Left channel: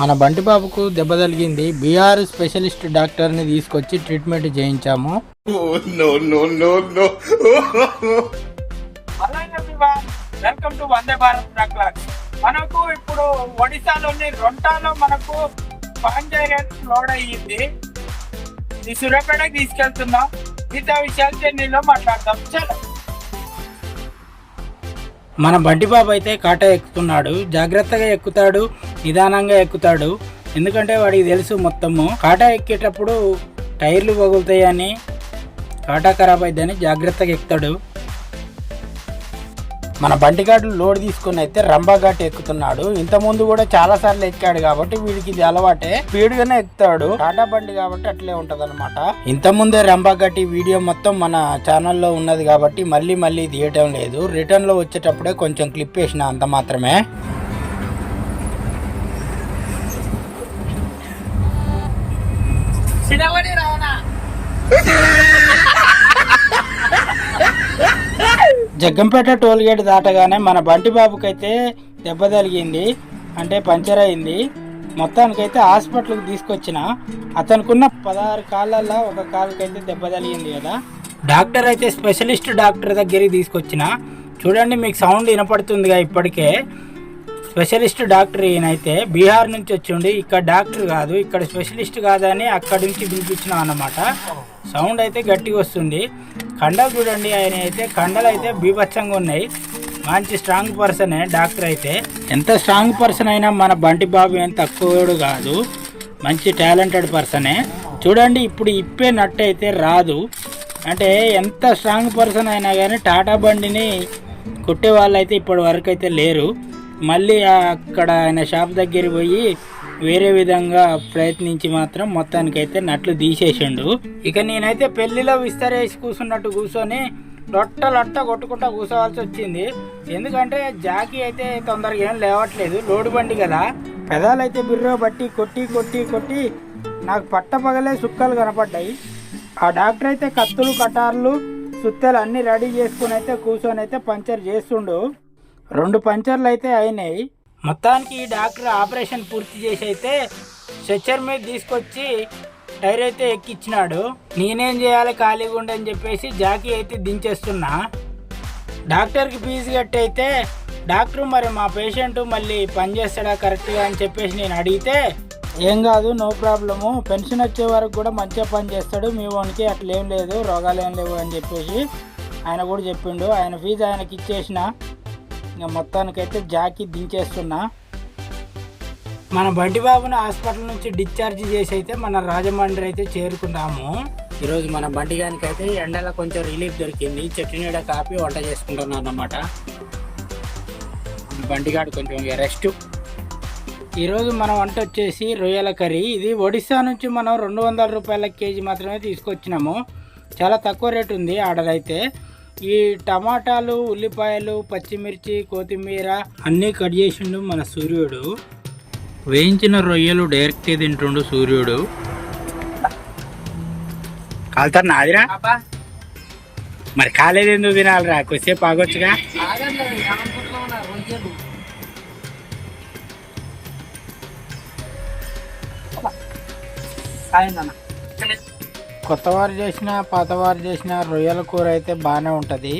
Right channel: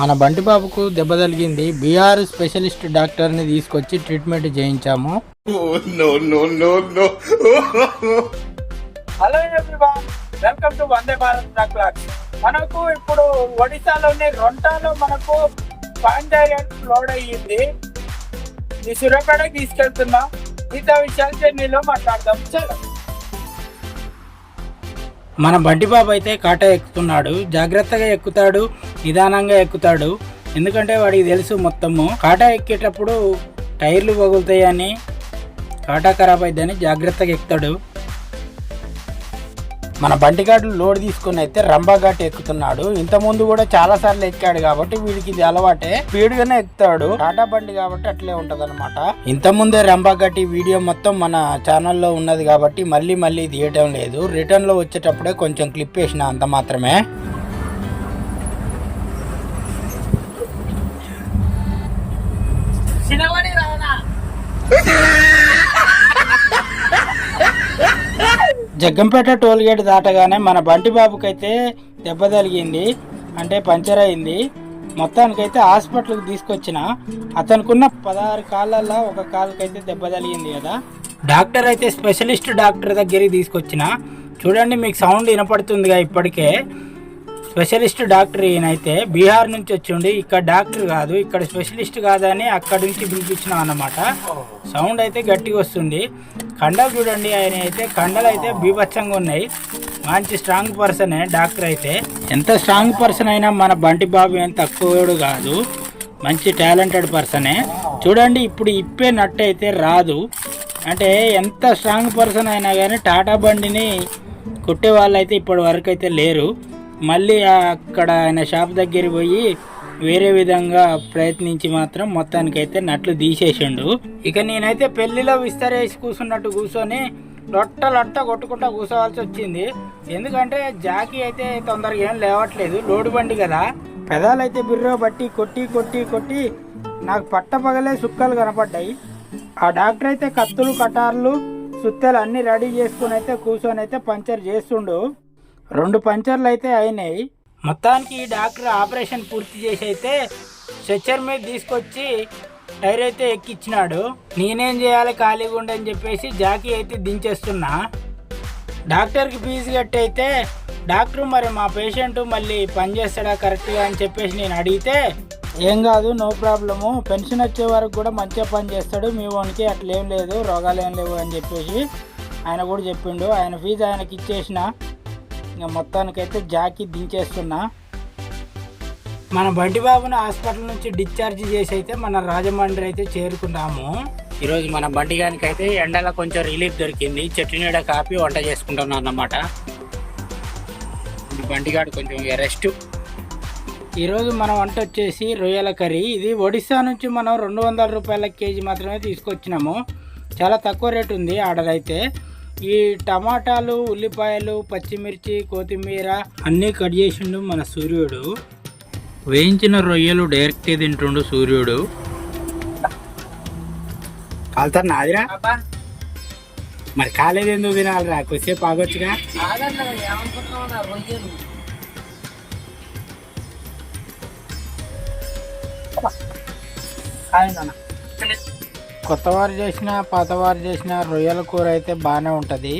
మన బంటి బాబుకు దెబ్బ తగిలింది. బీఆర్ స్పెషలిస్ట్ డాక్టర్ని తీసుకొచ్చి ట్రీట్మెంట్ చేయించాము. Hello everyone, welcome to Vande Bharat truck. మనకు ఇప్పుడు ఒడిశాలోని రొంటాలో మనకు పాంజారియన్ లోడ్ అయ్యింది. ఈ సూర్యాపేటకి తీసుకెళ్తున్నాం. మిగతా విషయాలు జర్నీలో మాట్లాడదాం. చలో. మన బంటి బాబు అయితే కాటా ఎక్కుతున్నాడు. జాగ్రత్తగా ఎక్కుతాడు, నిదానంగా ఎక్కుతాడు. ఎందుకంటే వాడికి తెలుసు మొత్తము కాటా ఎక్కేటప్పుడు టైర్లు పగులుతాయని, కాటా ఖరాబ్ అయిద్దని జాగ్రత్తగా ఎక్కుతాడు. మన బంటిగాడు లోడ్ తీసుకుని అయితే రంబాఘాట్ ఎక్కుతున్నాడు. ఇంతకుముందు కూడా చాలా సార్లు ఎక్కాడు కాబట్టి వీడికి ఇది అలవాటే, స్పీడ్ గానే ఎక్కుతాడు. టాటా బండి కాబట్టి అట్లే ఉంటది అనమాట. ఇంతకుముందే రంబాఘాట్ వీడియో మొత్తం మన ఛానల్లో ఉన్నది కాబట్టి మళ్ళీ తీయటం లేదు. రిటర్న్ లో వచ్చేటప్పుడే కొంచెం క్లిప్ వేసిన, అంత మాత్రమే. జగ్గంపేట టోల్ గేట్ దాటగానే మన బంటి బాబుకైతే దెబ్బ తగిలింది, అంటే పంచర్ అయింది. మొత్తానికైతే హాస్పిటల్కి తీసుకొచ్చిన. అతనుకున్న 16 కాళ్ళల్లో ఒక కాలుకైతే దెబ్బ తగిలింది కదా. డాక్టర్ అయితే స్పెషలిస్ట్ డాక్టర్ దగ్గరికి తీసుకొచ్చిన. చూడండి, మీకు సౌండ్ వినపడుతుందిగా ఇప్పటికే. స్పెషలిస్ట్ డాక్టర్ ఈయనైతే బీహార్ నుంచి వచ్చిండి. ఇక్కడ డాక్టర్ కాదు, ఇక్కడ స్పెషలిస్ట్ కాదని అక్కడి నుంచి పిలిపించినాం అన్నమాట. సౌండ్ అయితే గట్టిగా వస్తుంది. కండలు చూడండి, ఆయన అయితే కండలు అయితే బీభత్సంగా ఉన్నాయి. మంచి స్ట్రాంగ్ పర్సనే డాక్టర్ అయితే. ఎంత స్ట్రాంగ్ పర్సన్ అయినా మన బంటి బాబు ఏం తక్కువడు కాదు, మంచి టాలెంటెడ్ పర్సనే. చూడండి, ఇప్పుడు ఇప్పే నట్టు అయితే రాదు. అంటే ఎంత స్ట్రాంగ్ పర్సన్ అయినా కానీ టాటా బండిని కొట్టే వాళ్ళు అయితే ఇప్పటి వరకు అయితే లేరు. మళ్ళీ అక్కడ ఆయన షాప్ దగ్గర పోయి వేరే విధంగా ప్రయత్నించి మాత్రం మొత్తానికైతే నట్లు తీసేసిండు. ఇక నేనైతే పెళ్లిలో విస్తరేసి కూర్చున్నట్టు కూర్చొని లొట్ట కొట్టుకుంటా కూర్చోవాల్సి వచ్చింది. ఎందుకంటే జాకీ అయితే తొందరగా ఏం లేవట్లేదు, లోడు బండి కదా. పెదాలైతే బిర్రో బట్టి కొట్టి నాకు పట్టపగలే సుక్కలు కనపడ్డాయి. ఆ డాక్టర్ అయితే కత్తులు, కటార్లు, సుత్తెలు అన్ని రెడీ చేసుకుని అయితే కూర్చొని అయితే పంచర్ చేస్తుండు. 2 పంచర్లు అయితే అయినాయి. మొత్తానికి ఈ డాక్టర్ ఆపరేషన్ పూర్తి చేసి అయితే స్ట్రెచ్చర్ మీద తీసుకొచ్చి టైర్ అయితే ఎక్కిచ్చినాడు. నేనేం చేయాలి ఖాళీగా ఉండని చెప్పేసి జాకీ అయితే దించేస్తున్నా. డాక్టర్కి ఫీజు కట్టి అయితే డాక్టర్ మరి మా పేషెంట్ మళ్ళీ పని చేస్తాడా కరెక్ట్గా అని చెప్పేసి నేను అడిగితే, ఏం కాదు, నో ప్రాబ్లము, పెన్షన్ వచ్చే వరకు కూడా మంచిగా పని చేస్తాడు, మీ వానికి అట్లేం లేదు, రోగాలు ఏం లేవు అని చెప్పేసి ఆయన కూడా చెప్పిండు. ఆయన ఫీజు ఆయనకి ఇచ్చేసిన. ఇంకా మొత్తానికైతే జాకీ దించేస్తున్నా. మన బంటి బాబుని హాస్పిటల్ నుంచి డిశ్చార్జ్ చేసి అయితే మన రాజమండ్రి అయితే చేరుకున్నాము. ఈరోజు మన బంటి గారికి అయితే ఎండలో కొంచెం రిలీఫ్ దొరికింది. చెట్టు నీడ కాపీ వంట చేసుకుంటున్నాను అన్నమాట. బంటిగాడు కొంచెం రెస్ట్. ఈరోజు మన వంట వచ్చేసి రొయ్యల కర్రీ. ఇది ఒడిశా నుంచి మనం 200 రూపాయల కేజీ మాత్రమే తీసుకొచ్చినాము. చాలా తక్కువ రేటు ఉంది ఆర్డర్. ఈ టమాటాలు, ఉల్లిపాయలు, పచ్చిమిర్చి, కొత్తిమీర అన్నీ కట్ చేసిండు మన సూర్యుడు. వేయించిన రొయ్యలు డైరెక్ట్గా తింటుండు సూర్యుడు. కాలుతారు నాదిరా, మరి కాలేదు ఎందుకు తినాలిరా, కొద్దిసేపు ఆగొచ్చుగా. కొత్తవారు చేసిన పాతవారు చేసిన రొయ్యల కూర అయితే బాగానే ఉంటుంది.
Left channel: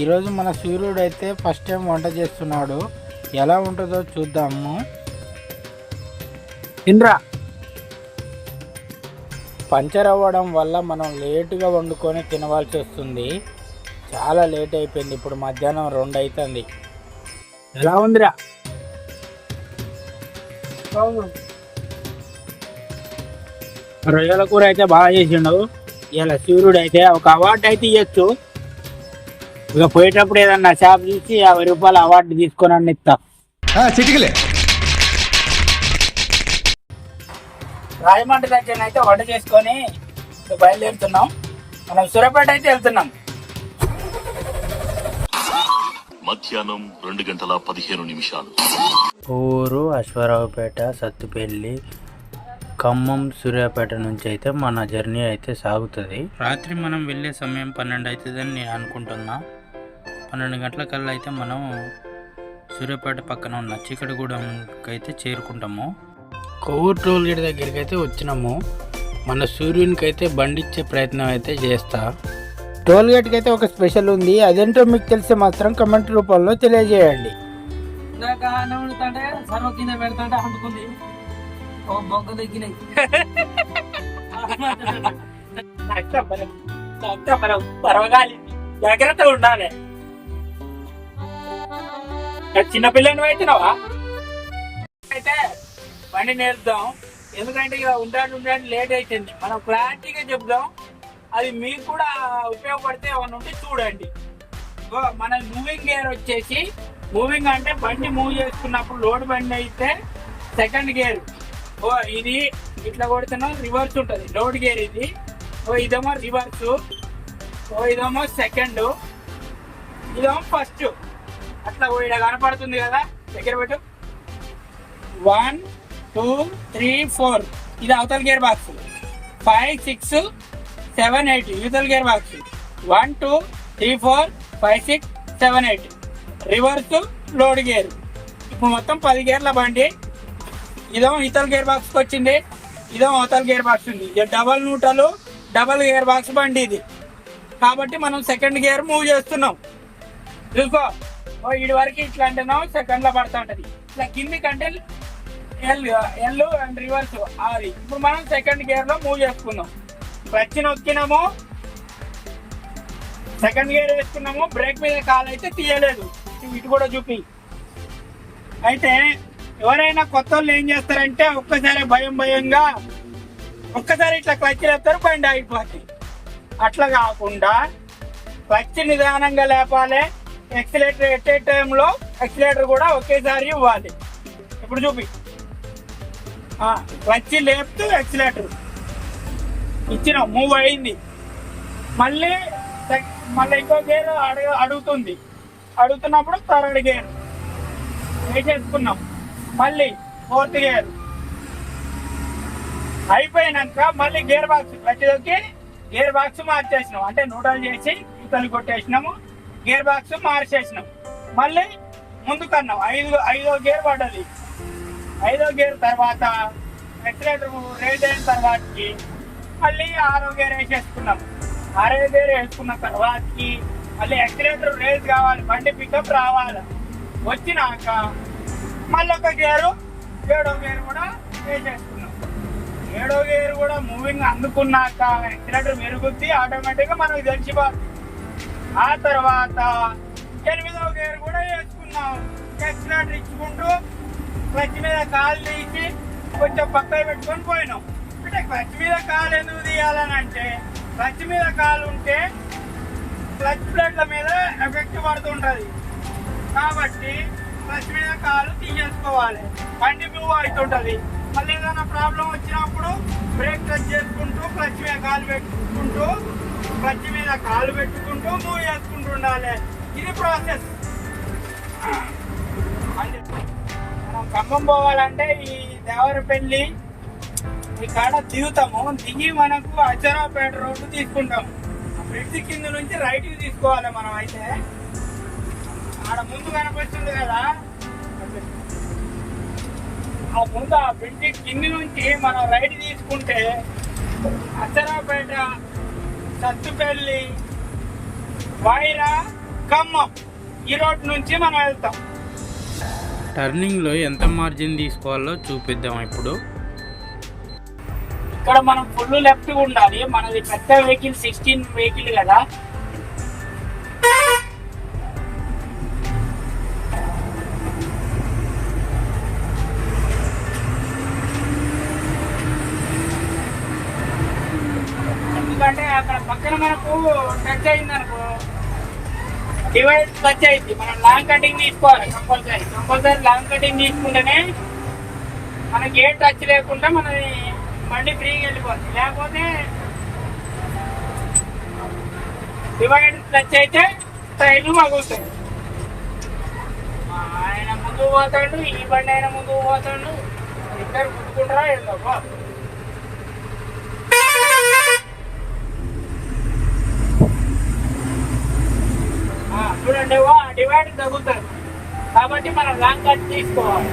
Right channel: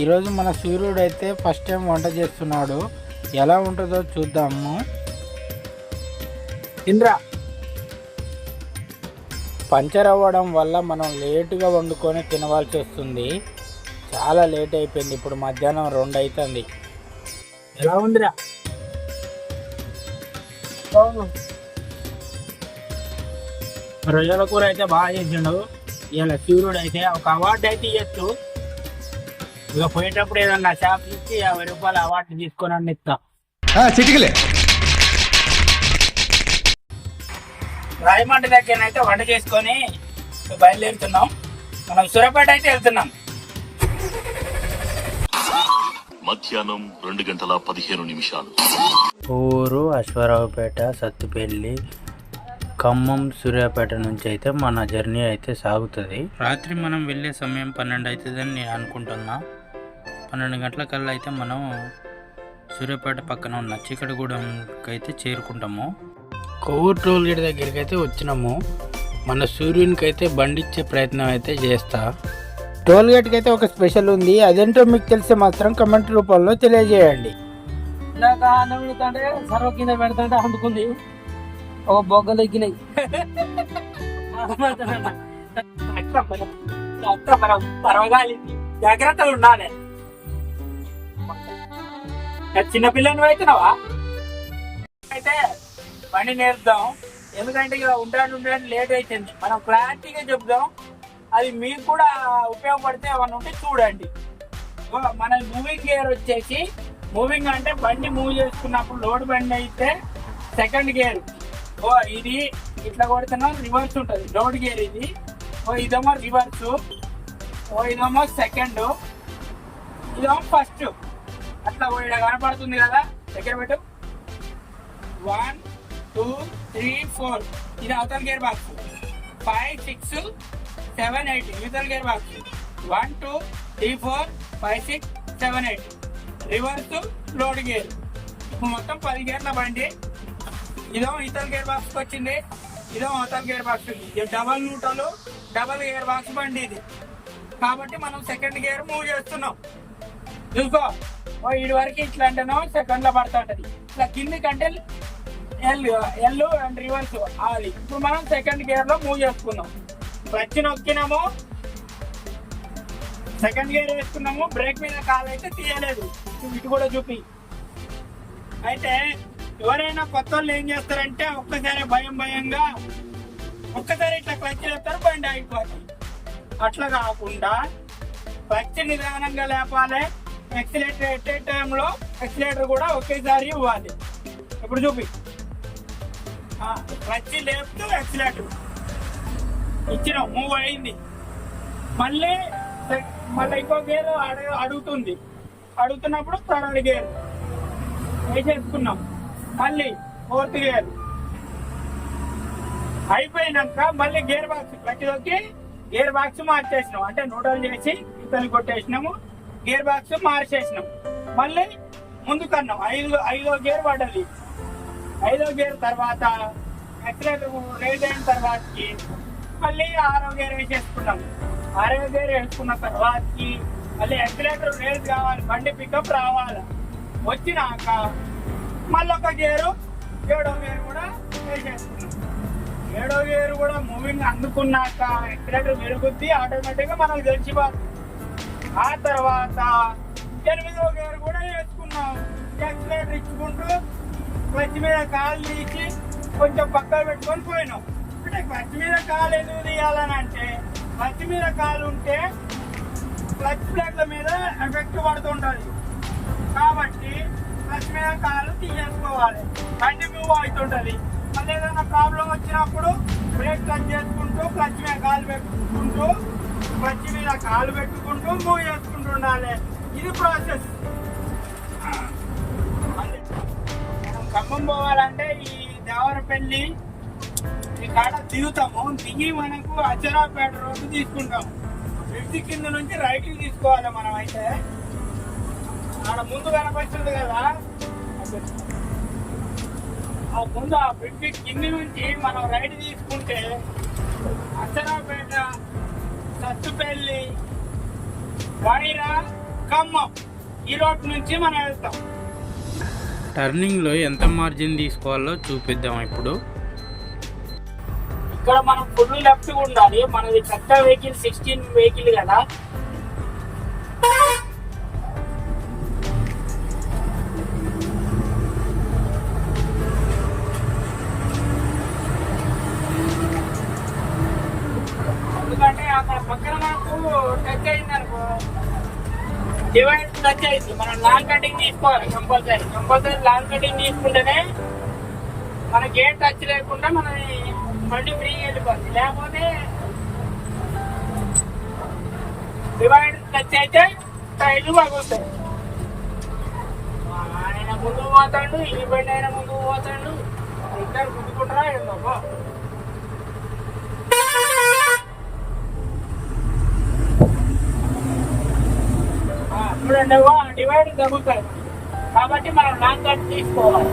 ఈరోజు మన సూర్యుడు అయితే ఫస్ట్ టైం వంట చేస్తున్నాడు. ఎలా ఉంటుందో చూద్దాము. తినరా. పంచర్ అవ్వడం వల్ల మనం లేటుగా వండుకొని తినవలసి వస్తుంది. చాలా లేట్ అయిపోయింది. ఇప్పుడు మధ్యాహ్నం 2 అవుతుంది. ఎలా ఉందిరా? రొయ్యల కూర అయితే బాగా చేసిండు. ఇలా సూర్యుడు అయితే ఒక అవార్డు అయితే ఇవ్వచ్చు. ఇక పోయేటప్పుడు ఏదన్నా షాప్ చూసి 50 రూపాయల అవార్డు తీసుకొని అన్ని ఇస్తా. రాయమండ్రి దగ్గర అయితే వంట చేసుకొని బయలుదేరుతున్నాం. మనం సూర్యాపేట అయితే వెళ్తున్నాం. మధ్యాహ్నం 2:15 ఊరు అశ్వారావుపేట, సత్తుపల్లి, ఖమ్మం, సూర్యాపేట నుంచి అయితే మన జర్నీ అయితే సాగుతుంది. రాత్రి మనం వెళ్ళే సమయం 12 అవుతుందని నేను అనుకుంటున్నా. 12 గంటలకల్లా అయితే మనం సూర్యాపేట పక్కన ఉన్న చీకటిగూడెంకి అయితే చేరుకుంటాము. కొవ్వూరు టోల్ గేట్ దగ్గరికి అయితే వచ్చినాము. మన సూర్యునికి అయితే బండిచ్చే ప్రయత్నం అయితే చేస్తా. టోల్ గేట్కి అయితే ఒక స్పెషల్ ఉంది, అదేంటో మీకు తెలిస్తే మాత్రం కమెంట్ రూపంలో తెలియజేయండి. ఇందాక నవ్వుతుంటే సర్వ కింద పెడతాంటే అందుకుంది ఓ బొగ్గలు ఎక్కినాయి. మనం పర్వగాలి జాగ్రత్తగా ఉండాలి. చిన్నపిల్లని అవుతున్నావా అయితే బండి నేర్పుదాం, ఎందుకంటే ఇక ఉండాలి లేట్ అవుతుంది. మనం క్లారిటీగా చెప్దాం, అది మీకు కూడా ఉపయోగపడితే ఏమన్నా ఉంటే చూడండి. మన మూవింగ్ గేర్ వచ్చేసి, మూవింగ్ అంటే బండి మూవ్ చేసుకున్నప్పుడు లోడ్ బండి అయితే సెకండ్ గేర్. ఇది ఇట్లా కొడుతున్నా రివర్స్ ఉంటుంది లోడ్ గేర్. ఇది ఇదేమో రివర్స్, ఇదేమో సెకండ్, ఇదేమో ఫస్ట్. అట్లా ఇక్కడ కనపడుతుంది కదా, దగ్గర పెట్టు. 1 2 3 4 ఇది అవతల గేర్ బాక్స్. 5 6 7 8 యూతల్ gear box. 1 2 3 4 5 6 7 8 reverse load gear. ఇప్పుడు మొత్తం 10 గేర్ల బండి. ఇదేమో ఇతల గేర్ బాక్స్కి వచ్చింది, ఇదేమో అవతల గేర్ బాక్స్ ఉంది. ఇది double neutral double gear box బండి ఇది. కాబట్టి మనం సెకండ్ గేర్ మూవ్ చేస్తున్నాం. చూసుకో, ఇటు వరకు ఇట్లా అంటేనో సెకండ్ లో పడుతుంటది. ఇట్లా కింది కంటే ఎల్ అండ్ రివర్స్ అది. ఇప్పుడు మనం సెకండ్ గేర్ లో మూవ్ చేసుకున్నాం. క్లచ్ నొక్కినాము, సెకండ్ గేర్ వేసుకున్నాము, బ్రేక్ మీద కాలు అయితే తీయలేదు. ఇటు కూడా చూపి. అయితే ఎవరైనా కొత్త వాళ్ళు ఏం చేస్తారంటే ఒక్కసారి భయంగా ఒక్కసారి ఇట్లా క్లచ్ లేస్తారు, బండి ఆగిపోతుంది. అట్లా కాకుండా క్లచ్ నిదానంగా లేపాలి, ఎక్సిలేటర్ ఎట్టే టైంలో ఎక్సిలేటర్ కూడా ఒకేసారి ఇవ్వాలి. ఇప్పుడు చూపి, క్లచ్ లేపుతూ ఎక్సిలేటర్ ఇచ్చిన మూవ్ అయింది. మళ్ళీ ఇంకో గేర్ అడుగుతుంది. అడుగుతున్నప్పుడు థర్డ్ గేర్ వేసేసుకున్నాం. మళ్ళీ ఫోర్త్ గేర్ అయిపోయినాక మళ్ళీ గేర్ బాక్స్ వచ్చేసరికి గేర్ బాక్స్ మార్చేసినాం. అంటే న్యూట్రల్ చేసి ఇతను కొట్టేసినాము, గేర్ బాక్స్ మార్చేసినాం. మళ్ళీ ముందుకన్నాం. ఐదో గేర్ పడ్డది. 5వ గేర్ తర్వాత యాక్సిలేటర్ రేజ్ అయిన తర్వాతకి మళ్ళీ 6వ గేర్ వేసేసుకున్నాం. 6వ గేర్ వేసుకున్న తర్వాతకి మళ్ళీ యాక్సిలేటర్ రేజ్ కావాలి, బండి పికప్ రావాలి. వచ్చినాక మళ్ళీ ఒక గేరు 7వ గేర్ కూడా వేసేసుకున్నాం. 7వ గేర్ కూడా మూవింగ్ అందుకున్నాక యాక్సిలేటర్ మెరుగుద్ది, ఆటోమేటిక్గా మనకు తెలిసిపోతుంది. ఆ తర్వాత 8వ గేర్ కూడా వేసుకున్నాం. యాక్సిలేటర్ ఇచ్చుకుంటూ క్లచ్ మీద కాలు తీసి కొంచెం పక్కన పెట్టుకొని పోయినాం. అంటే క్లచ్ మీద కాలు ఎందుకు తీయాలని అంటే, క్లచ్ మీద కాలు ఉంటే క్లచ్ ప్లేట్ల మీద ఎఫెక్ట్ పడుతుంటుంది. కాబట్టి క్లచ్ మీద కాలు తీసేసుకోవాలి, బండి మూవ్ అవుతుంటుంది. మళ్ళీ ఏదైనా ప్రాబ్లం వచ్చినప్పుడు బ్రేక్ టచ్ చేసుకుంటూ క్లచ్ మీద కాలు పెట్టుకుంటూ మూవ్ చేసుకుంటూ ఉండాలి. ఇది ప్రాసెస్. మనం ఖమ్మం పోవాలంటే ఈ దేవరపల్లి ఈ కాడ దిగుతాము. దిగి మనకు అచ్చరాపేట రోడ్డు తీసుకుంటాము. బ్రిడ్జి కింద నుంచి రైట్ తీసుకోవాలి. మనం అయితే ఆడ ముందు కనపడుతుంది కదా, ఆ ముందు ఆ బ్రిడ్జి కింది నుంచి మనం రైట్ తీసుకుంటే అచ్చరాపేట, సత్తుపల్లి, వైరా, ఖమ్మం ఈ రోడ్ నుంచి మనం వెళ్తాం. టర్నింగ్లో ఎంత మార్జిన్ తీసుకోవాలో చూపిద్దాం. ఇప్పుడు ఇక్కడ మనం ఫుల్ లెఫ్ట్ ఉండాలి. మనది పెద్ద వెహికల్ 16 వెహికల్ కదా. ఎందుకంటే అక్కడ పక్కన మనకు టచ్ అయింది అనుకో, డివైడ్ టచ్ అయింది. మనం లాంగ్ కటింగ్ తీసుకోవాలి కంపల్సరీ లాంగ్ కటింగ్ తీసుకుంటేనే మనకి ఏ టచ్ లేకుండా మన బండి ఫ్రీగా వెళ్ళిపోతుంది. లేకపోతే డివైడ్ టచ్ అయితే టైర్లు పగులుతాయి. ఆయన ముందుకు పోతాడు, ఈ బండి ఆయన ముందుకు పోతాడు, ఇద్దరు గుర్తుకుంటారా ఏందో. చూడండి, డివైడ్ తగ్గుతుంది. కాబట్టి మనం లాంగ్ కట్ తీసుకోవాలి.